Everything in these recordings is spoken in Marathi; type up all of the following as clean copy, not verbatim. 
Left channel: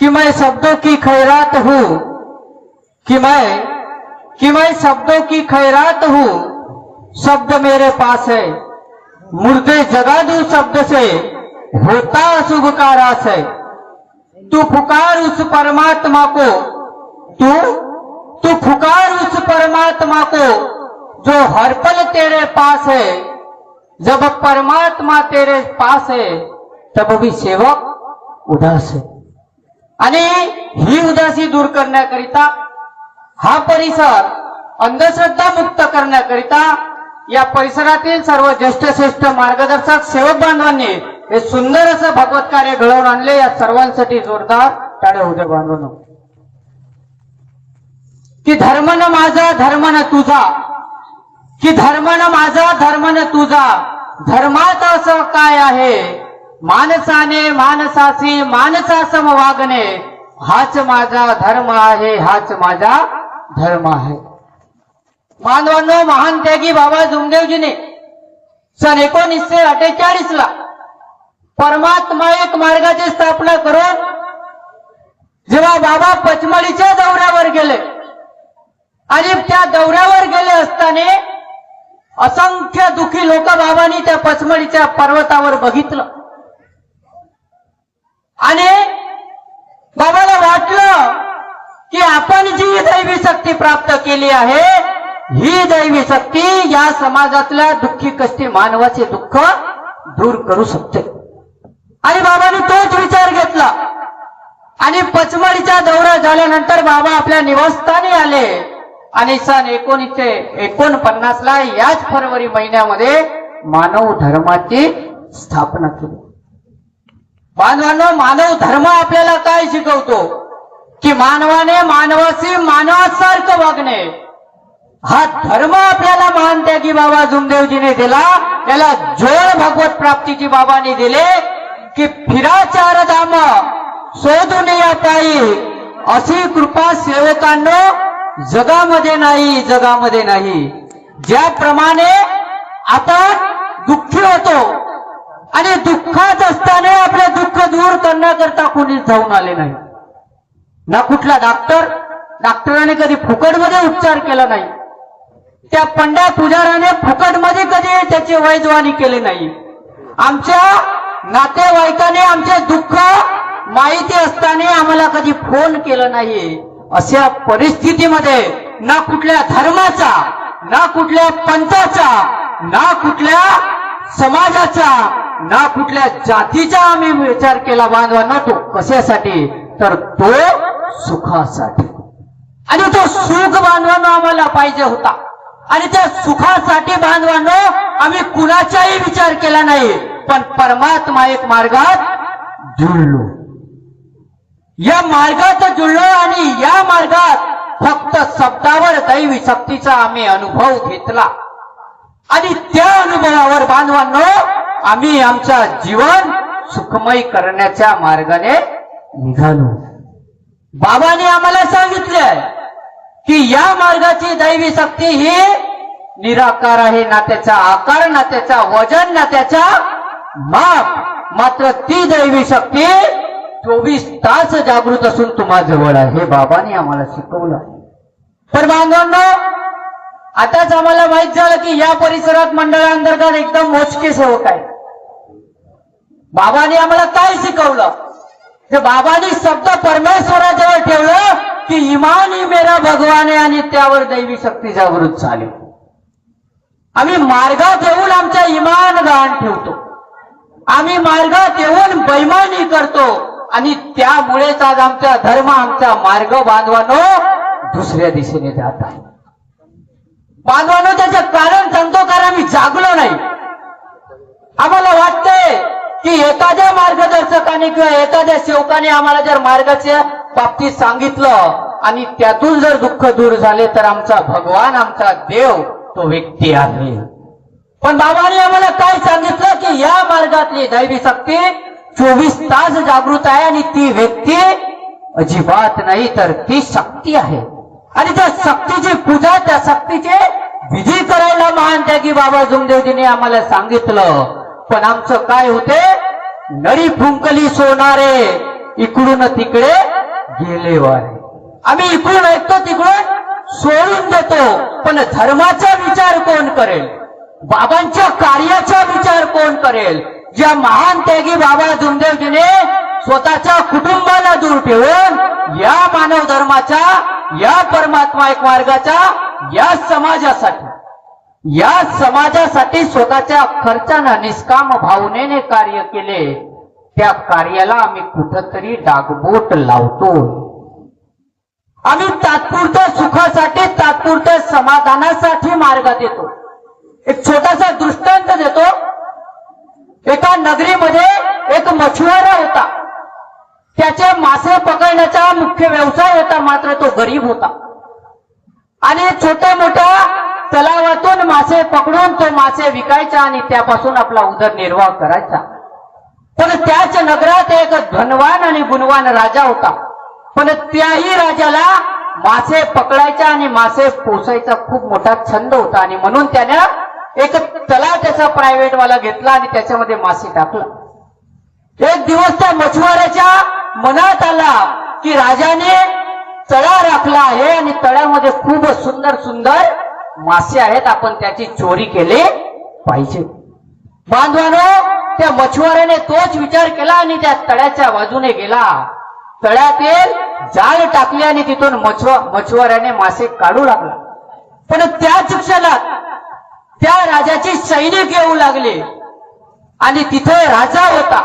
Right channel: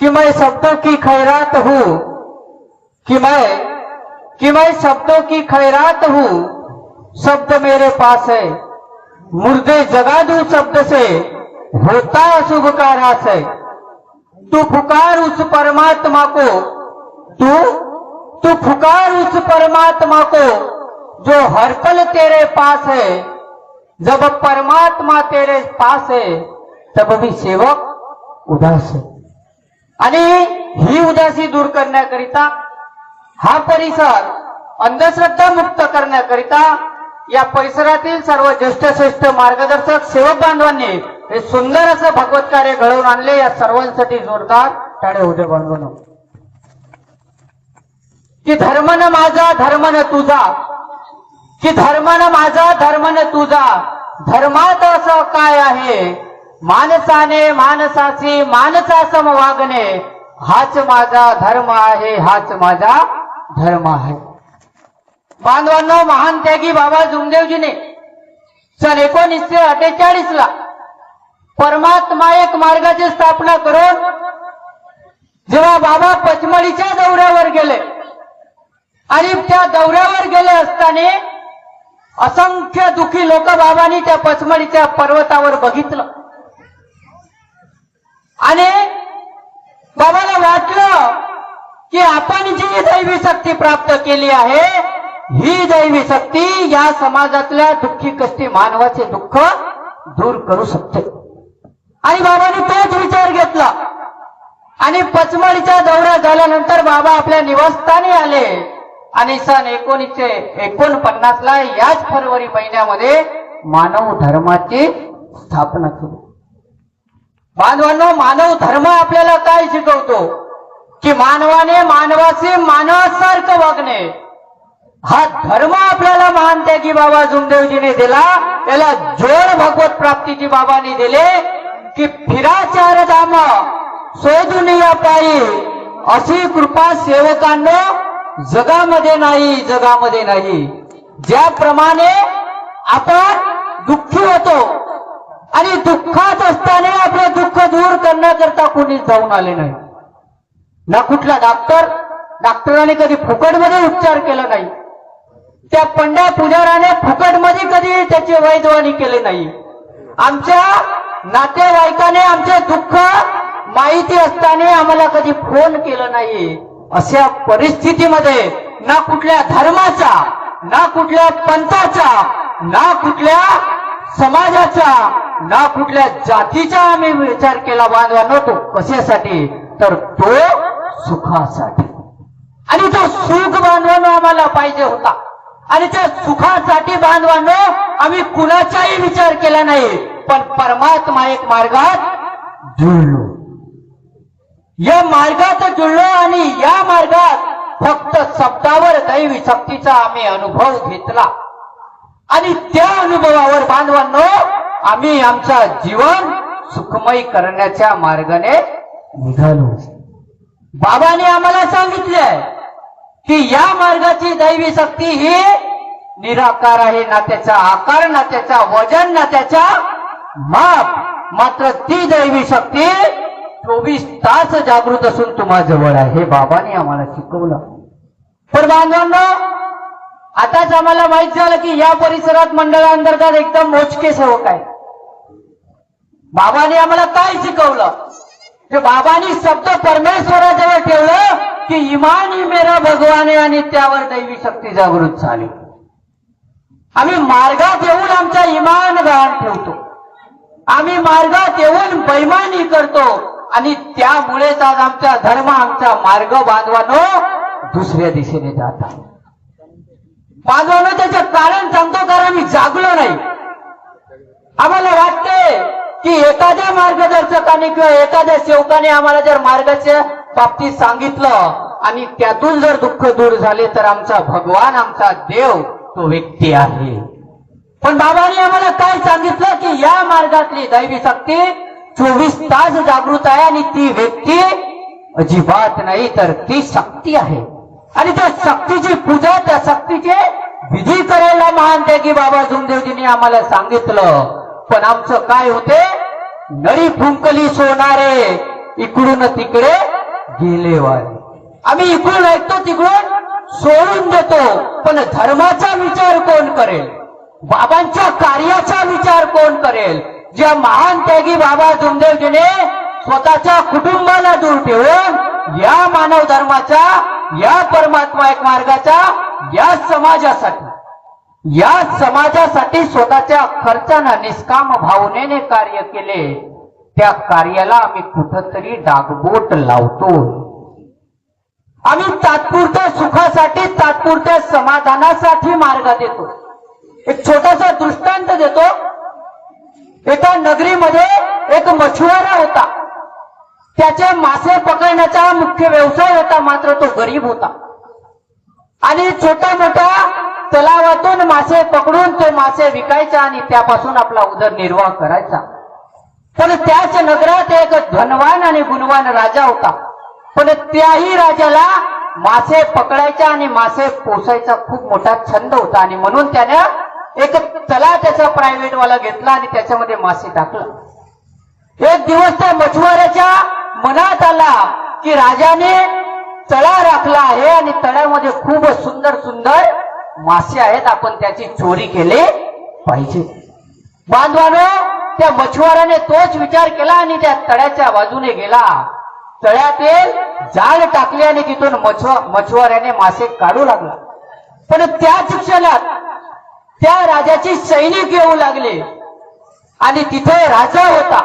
कि मैं शब्दों की खैरात हूँ, कि मैं शब्दों की खैरात हूँ। शब्द मेरे पास है, मुर्दे जगा दूं शब्द से, होता अशुभ का रास है। तू पुकार उस परमात्मा को, तू पुकार उस परमात्मा को जो हर पल तेरे पास है। जब परमात्मा तेरे पास है तब भी सेवक उदास है। आणि ही उदासी दूर करण्याकरिता, हा परिसर अंधश्रद्धा मुक्त करण्याकरिता या परिसरातील सर्व ज्येष्ठ श्रेष्ठ मार्गदर्शक सेवक बांधवांनी हे सुंदर असं भगवत कार्य घडवून आणले। या सर्वांसाठी जोरदार टाळ्या होऊ द्या बांधवांनो। की धर्म न माझा धर्म न तुझा, की धर्म न माझा धर्म न तुझा, धर्मात असं काय आहे, माणसाने माणसाशी माणसासम वागणे, हाच माझा धर्म आहे, हाच माझा धर्म आहे। बांधवांनो, महान त्यागी बाबा जुमदेवजीने सन 1948 ला परमात्मा एक मार्गाची स्थापना करून जेव्हा बाबा पचमढीच्या दौऱ्यावर गेले आणि त्या दौऱ्यावर गेले असताना असंख्य दुःखी लोक बाबांनी त्या पचमढीच्या पर्वतावर बघितलं आणि बाबाला वाटलं की आपण जी दैवी शक्ती प्राप्त केली आहे, ही दैवी शक्ती या समाजातल्या दुःखी कष्टी मानवाचे दुःख दूर करू शकते। आणि बाबांनी तोच विचार घेतला आणि पचमढीचा दौरा झाल्यानंतर बाबा आपल्या निवासस्थानी आले आणि सन 1949 ला याच फरवरी महिन्यामध्ये मानव धर्माची स्थापना केली। बांधवांनो, मानव धर्म आपल्याला काय शिकवतो की मानवाने मानवाशी मानवासारखं वागणे, हा धर्म आपल्याला महान त्यागी बाबा जुमदेवजीने दिला। याला जोड भगवत प्राप्तीची बाबांनी दिले की फिरा चार धाम शोधून या पायी, अशी कृपा सेवकांनो जगामध्ये नाही, जगामध्ये नाही। ज्याप्रमाणे आपण दुःखी होतो आणि दुःखात असताना आपले दुःख दूर करण्याकरता कोणीच धावून आले नाही, ना कुठला डॉक्टराने कधी फुकटमध्ये उपचार केला नाही, त्या पंड्या पुजाराने फुकटमध्ये कधी त्याची वैद्यवानी केली नाही, आमच्या नातेवाईकाने आमचे दुःख माहिती असताना आम्हाला कधी फोन केला नाही। अशा परिस्थितीमध्ये ना कुठल्या धर्माचा, ना कुठल्या पंथाचा, ना कुठल्या समाजाचा, ना कुठल्या जातीचा आम्ही विचार केला बांधवांनो। तो कशासाठी, तर तो सुखासाठी। आणि तो सुख बांधवांनो आम्हाला पाहिजे होता आणि त्या सुखासाठी बांधवांनो आम्ही कुणाचाही विचार केला नाही, पण परमात्मा एक मार्गात जुळलो, या मार्गात जुळलो आणि या मार्गात फक्त शब्दावर दैवी शक्तीचा आम्ही अनुभव घेतला आणि त्या अनुभवावर बांधवांनो आम्ही आमचा जीवन सुखमय करण्याच्या मार्गाने निघालो। बाबाने आम्हाला सांगितलंय की या मार्गाची दैवी शक्ती ही निराकार आहे, ना त्याचा आकार, ना त्याचा वजन, ना त्याचा माप, मात्र ती दैवी शक्ती 24 तास जागृत असून तुम्हा जवळ आहे, हे बाबांनी आम्हाला शिकवलं। पण बांधवांनो, आताच आम्हाला माहित झालं की या परिसरात मंडळांतर्गत एकदम मोजके सेवक आहे। बाबांनी आम्हाला काय शिकवलं, ते बाबांनी शब्द परमेश्वराजवळ ठेवलं की इमान ही मेरा भगवान आहे आणि त्यावर दैवी शक्ती जागृत झाली। आम्ही मार्गात येऊन आमचा इमान गहाण ठेवतो, आम्ही मार्गात येऊन बैमानी करतो आणि त्यामुळेच आज आमचा धर्म, आमचा मार्ग बांधवानो दुसऱ्या दिशेने जात आहे। बांधवानो, त्याचे कारण सांगतो, तर आम्ही जागलो नाही। आम्हाला वाटतंय की एखाद्या मार्गदर्शकाने किंवा एखाद्या सेवकाने आम्हाला जर मार्गाच्या बाबतीत सांगितलं आणि त्यातून जर दुःख दूर झाले तर आमचा भगवान, आमचा देव तो व्यक्ती आहे। पण बाबांनी आम्हाला काय सांगितलं की या मार्गातली दैवी शक्ती 24 तास जागृत आहे आणि ती व्यक्ती अजिबात नाही, तर ती शक्ती आहे आणि त्या शक्तीची पूजा, त्या शक्तीचे विधी करायला महान त्यागी बाबा जुमदेवजीने आम्हाला सांगितलं। पण आमचं काय होते, नरी फुंकली सोनारे इकडून तिकडे गेले वारे. आम्ही इकडून ऐकतो तिकडून सोडून देतो, पण धर्माचा विचार कोण करेल? बाबांच्या कार्याचा विचार कोण करेल? ज्या महान त्यागी बाबा जुमदेवजीने स्वतःच्या कुटुंबाला दूर ठेवून या मानव धर्माचा, या परमात्मा एक मार्गाचा, या समाजासाठी स्वतःच्या खर्चानं निष्काम भावनेने कार्य केले. त्या कार्याला आम्ही कुठंतरी डागबोट लावतो. आम्ही तात्पुरत्या सुखासाठी, तात्पुरत्या समाधानासाठी मार्ग देतो. एक छोटासा दृष्टांत देतो. एका नगरीमध्ये एक मछुआरा होता. त्याचे मासे पकडण्याचा मुख्य व्यवसाय होता, मात्र तो गरीब होता आणि छोट्या मोठ्या तलावातून मासे पकडून तो मासे विकायचा आणि त्यापासून आपला उदरनिर्वाह करायचा. पण त्याच नगरात एक धनवान आणि गुणवान राजा होता. पण त्याही राजाला मासे पकडायचा आणि मासे पोसायचा खूप मोठा छंद होता आणि म्हणून त्यानं एक तलावाचा प्रायव्हेट वाला घेतला आणि त्याच्यामध्ये मासे टाकला. एक दिवस त्या मछुआऱ्याच्या मनात आला की राजाने तळा राखला आहे आणि तळ्यामध्ये खूप सुंदर सुंदर मासे आहेत, आपण त्याची चोरी केली पाहिजे. बांधवानो, त्या मछुआऱ्याने तोच विचार केला आणि त्या तळ्याच्या बाजूने गेला. तळ्यातील जाळ टाकले आणि तिथून मछुआऱ्याने मासे काढू लागला. पण त्याच क्षणात त्या राजाची सैनिक येऊ लागले आणि तिथे राजा होता.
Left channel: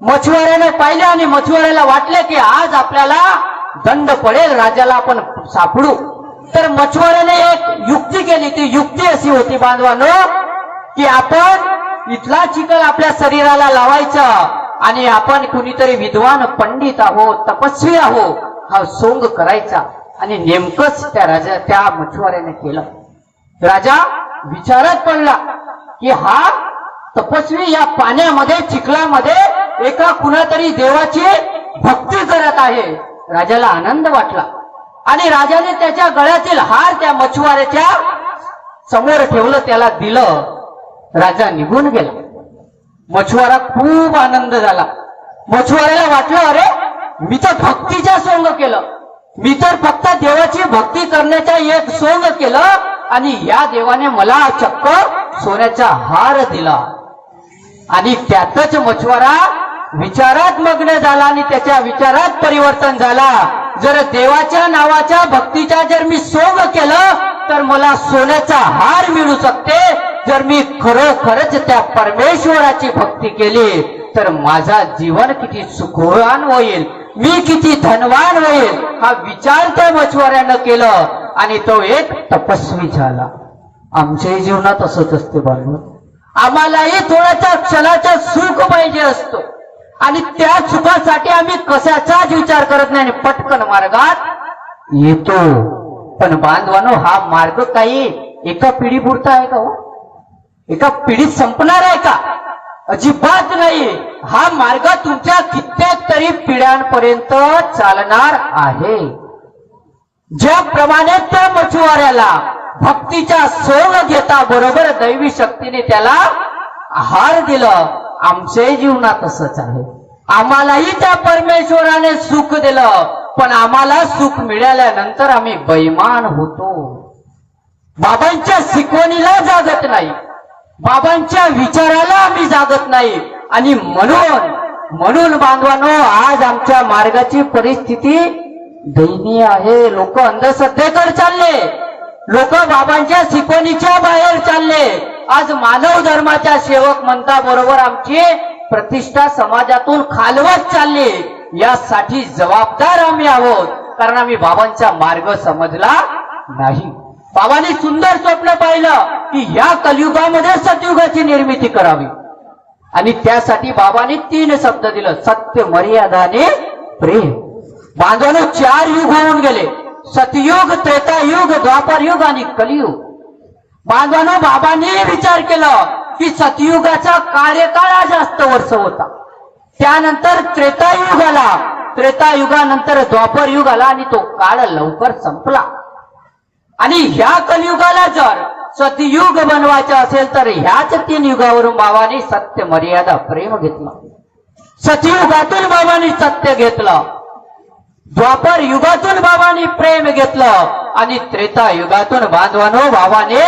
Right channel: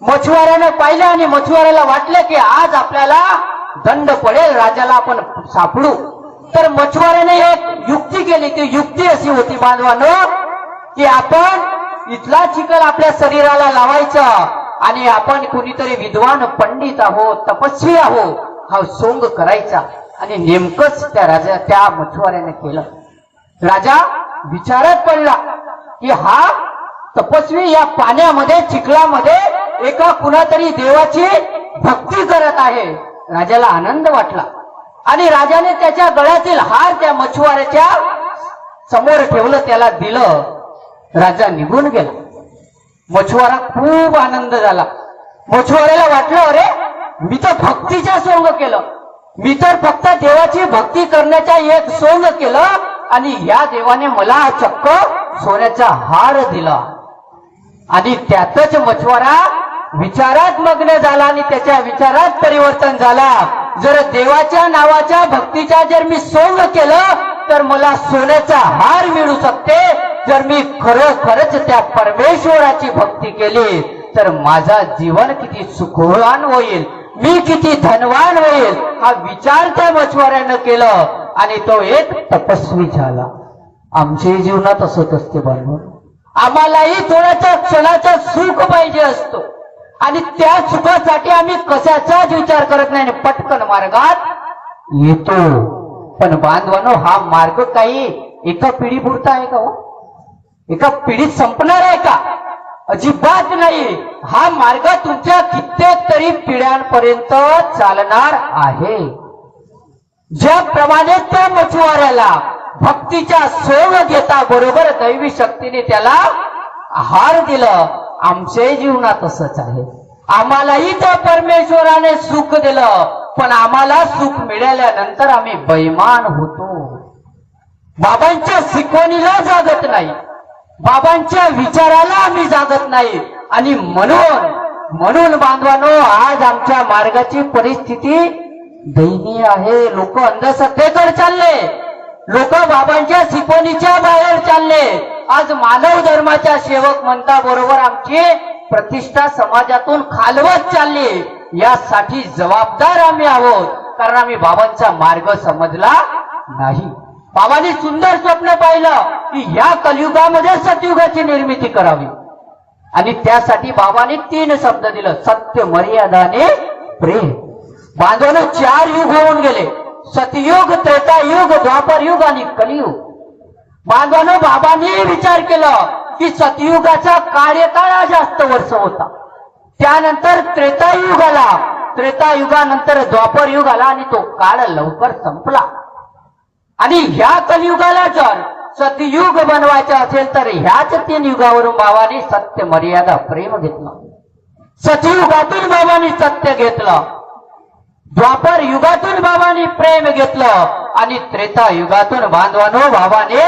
मछुआऱ्याने पाहिलं आणि मछुआऱ्याला वाटले की आज आपल्याला दंड पडेल, राजाला आपण सापडू. तर मछुआऱ्याने एक युक्ती केली. ती युक्ती अशी होती बांधवानो, की आपण इथला चिखल आपल्या शरीराला लावायचा आणि आपण कुणीतरी विद्वान पंडित आहोत, तपस्वी आहोत हा सोंग करायचा. आणि नेमकंच त्या मछुआऱ्याने केलं. राजा विचारत पडला की हा तपस्वी या पाण्यामध्ये, चिखलामध्ये एका कुणातरी देवाची भक्ती करत आहे. राजाला आनंद वाटला आणि राजाने त्याच्या गळ्यातील हार त्या मछुआऱ्याच्या समोर ठेवलं, त्याला दिलं. राजा निघून गेला. मछुआरा खूप आनंद झाला. मछुआऱ्याला वाटलं, अरे मी तर भक्तीच्या सोंग केलं, मी तर फक्त देवाची भक्ती करण्याचा एक सोंग केलं आणि या देवाने मला चक्क सोन्याचा हार दिला. आणि त्यातच मछुआरा विचारात मग्न झाला आणि त्याच्या विचारात परिवर्तन झाला. जर देवाच्या नावाच्या भक्तीचा जर मी सोंग केलं तर मला सोन्याचा हार मिळू शकते. जर मी खरोखरच त्या परमेश्वराची भक्ती केली तर माझा जीवन किती सुखवान होईल, मी किती धनवान होईल, हा विचार त्या मछुआऱ्यानं केलं आणि तो एक तपस्वी झाला. आमच्याही जीवनात असंच असते बाळू. आम्हालाही थोड्याच्या क्षणाचं सुख पाहिजे असतो आणि त्या सुखासाठी आम्ही कशाचाच विचार करत नाही आणि पटकन मार्गात येतो. पण बांधवानो, हा मार्ग काही एका पिढीपुरता आहे का हो? एका पिढीत संपणार आहे का? अजिबात नाही. हा मार्ग तुमच्या कित्येक तरी पिढ्यांपर्यंत चालणार आहे. ज्याप्रमाणे त्या मछुआऱ्याला भक्तीचा सोंग घेता बरोबर दैवी शक्तीने त्याला हार दिलं, आमच्याही जीवनात असंच आहे. आम्हालाही त्या परमेश्वराने सुख दिलं, पण आम्हाला सुख मिळाल्यानंतर आम्ही बैमान होतो. बाबांच्या शिकवणीला जागत नाही, बाबांच्या विचाराला आम्ही जागत नाही. आणि म्हणून बांधवानो, आज आमच्या मार्गाची परिस्थिती दयनीय आहे. लोक अंधश्रद्धेकडे चालले, लोक बाबांच्या शिकवणीच्या बाहेर चालले. आज मानव धर्माच्या सेवक म्हणता बरोबर आमची प्रतिष्ठा समाजातून खालवत चालली. यासाठी जबाबदार आम्ही आहोत, कारण आम्ही बाबांचा मार्ग समजला नाही. बाबांनी सुंदर स्वप्न पाहिलं की या कलियुगामध्ये सतयुगाची निर्मिती करावी आणि त्यासाठी बाबांनी 3 शब्द दिलं: सत्य, मर्यादा आणि प्रेम. बांधवांनो, 4 युग होऊन गेले: सतयुग, त्रेतायुग, द्वापरयुग आणि कलियुग. बांधवांनो, बाबांनी विचार केला की सतयुगाचा कार्यकाळ जास्त वर्ष होता, त्यानंतर त्रेतायुग आला, त्रेतायुगानंतर द्वापर युग आला आणि तो काळ लवकर संपला. आणि ह्या कलियुगाला जर सतयुग बनवायचं असेल तर ह्याच 3 युगावरून बाबांनी सत्य, मर्यादा, प्रेम घेतलं. सतयुगातून बाबांनी सत्य घेतलं, द्वापर युगातून बाबांनी प्रेम घेतलं आणि त्रेता युगातून बांधवानो बाबाने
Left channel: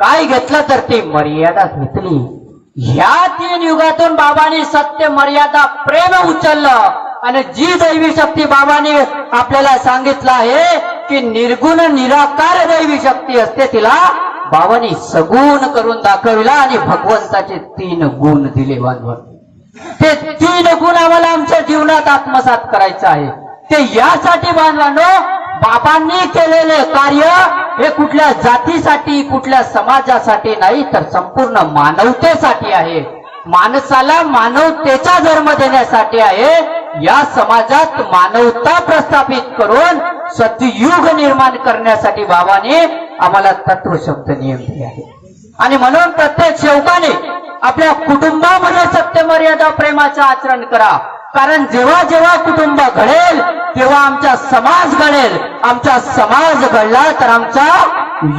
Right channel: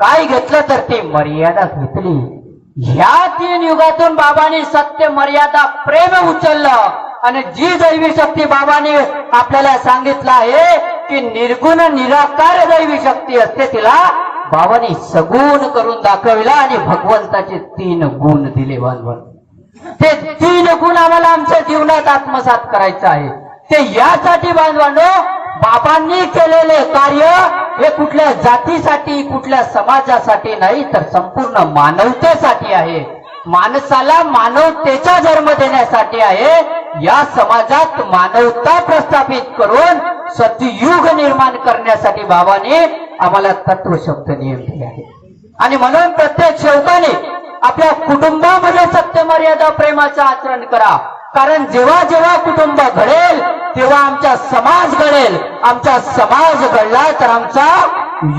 काय घेतलं तर ती मर्यादा घेतली. ह्या 3 युगातून बाबांनी सत्य, मर्यादा, प्रेम उचललं आणि जी दैवी शक्ती बाबांनी आपल्याला सांगितलं आहे की निर्गुण निराकार दैवी शक्ती असते, तिला बाबांनी सगुण करून दाखविला आणि भगवंताचे 3 गुण दिले. बांधव ते 3 गुण आम्हाला आमच्या जीवनात आत्मसात करायचं आहे. ते यासाठी बांधवांनो बाबांनी केलेले कार्य हे कुठल्या जातीसाठी, कुठल्या समाजासाठी नाही, तर संपूर्ण मानवतेसाठी आहे. माणसाला मानवतेचा जन्म देण्यासाठी आहे. या समाजात मानवता प्रस्थापित करून सतयुग निर्माण करण्यासाठी बाबांनी आम्हाला तत्वशब्द नियम दिले आहे. आणि म्हणून प्रत्येक सेवकाने आपल्या कुटुंबामध्ये सत्य, मर्यादा, प्रेमाचं आचरण करा. कारण जेव्हा जेव्हा कुटुंब घडेल तेव्हा आमचा समाज घडेल. आमचा समाज घडला तर आमचा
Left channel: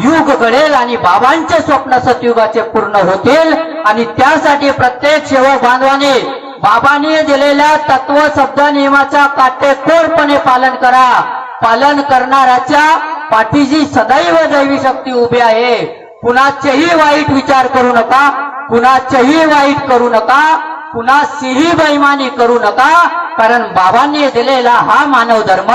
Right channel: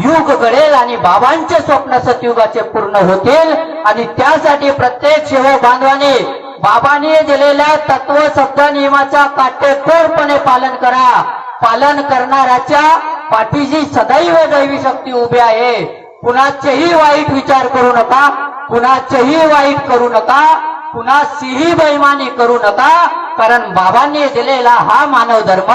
युग घडेल आणि बाबांचे स्वप्न सतयुगाचे पूर्ण होतील. आणि त्यासाठी प्रत्येक सेवक बांधवाने बाबांनी दिलेल्या तत्व शब्द नियमाचा काटेकोरपणे पालन करा. पालन करणाऱ्याच्या पाठीशी सदैव दैवी शक्ती उभी आहे. कुणाचेही वाईट विचार करू नका, कुणाचेही वाईट करू नका, कुणाशीही बैमानी करू नका. कारण बाबांनी दिलेला हा मानव धर्म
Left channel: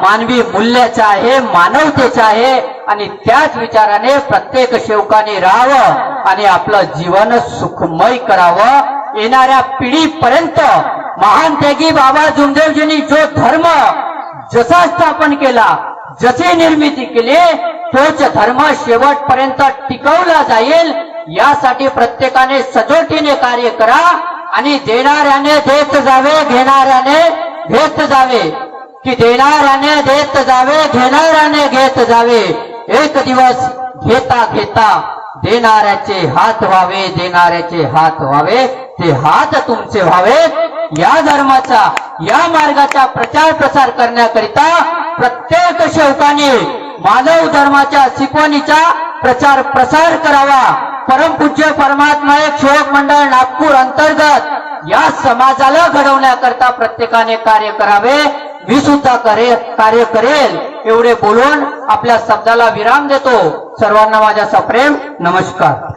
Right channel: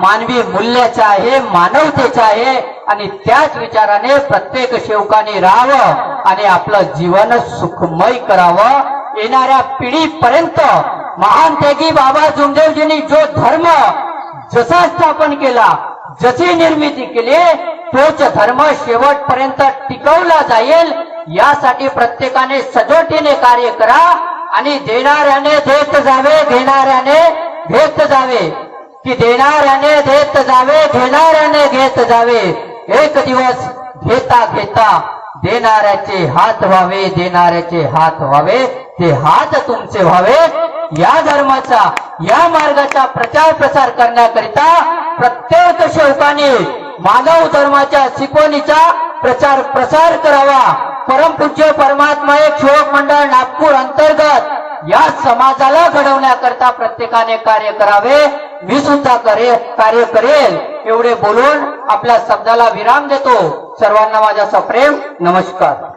मानवी मूल्याचा आहे, मानवतेचा आहे. आणि त्याच विचाराने प्रत्येक सेवकाने राहावं आणि आपलं जीवन सुखमय करावं. येणाऱ्या पिढीपर्यंत महान त्यागी बाबा जुमदेवजींनी जो धर्म जसा स्थापन केला, जशी निर्मिती केली, तोच धर्म शेवटपर्यंत टिकवला जाईल. यासाठी प्रत्येकाने सजोटीने कार्य करा आणि देणाऱ्याने देत जावे, घेणाऱ्याने घेत जावे. की देणाऱ्याने देत जावे, घेणाऱ्याने घेत जावे. एक दिवस घेता घेता देणाऱ्याचे हात व्हावे, देणाऱ्याचे हात व्हावे, ते हात तुमचे व्हावे. या धर्माचा, या मार्गाचा प्रचार प्रसार करण्याकरिता प्रत्येक सेवकाने मानव धर्माच्या शिकवणीचा प्रचार प्रसार करावा. परमपूज्य परमात्मा एक सेवक मंडळ नागपूर अंतर्गत या समाजाला घडवण्याकरता प्रत्येकाने कार्य करावे. मी सुद्धा कार्य करेल एवढे बोलून आपल्या शब्दाला विराम देतो. सर्वांना माझा सप्रेम नमस्कार.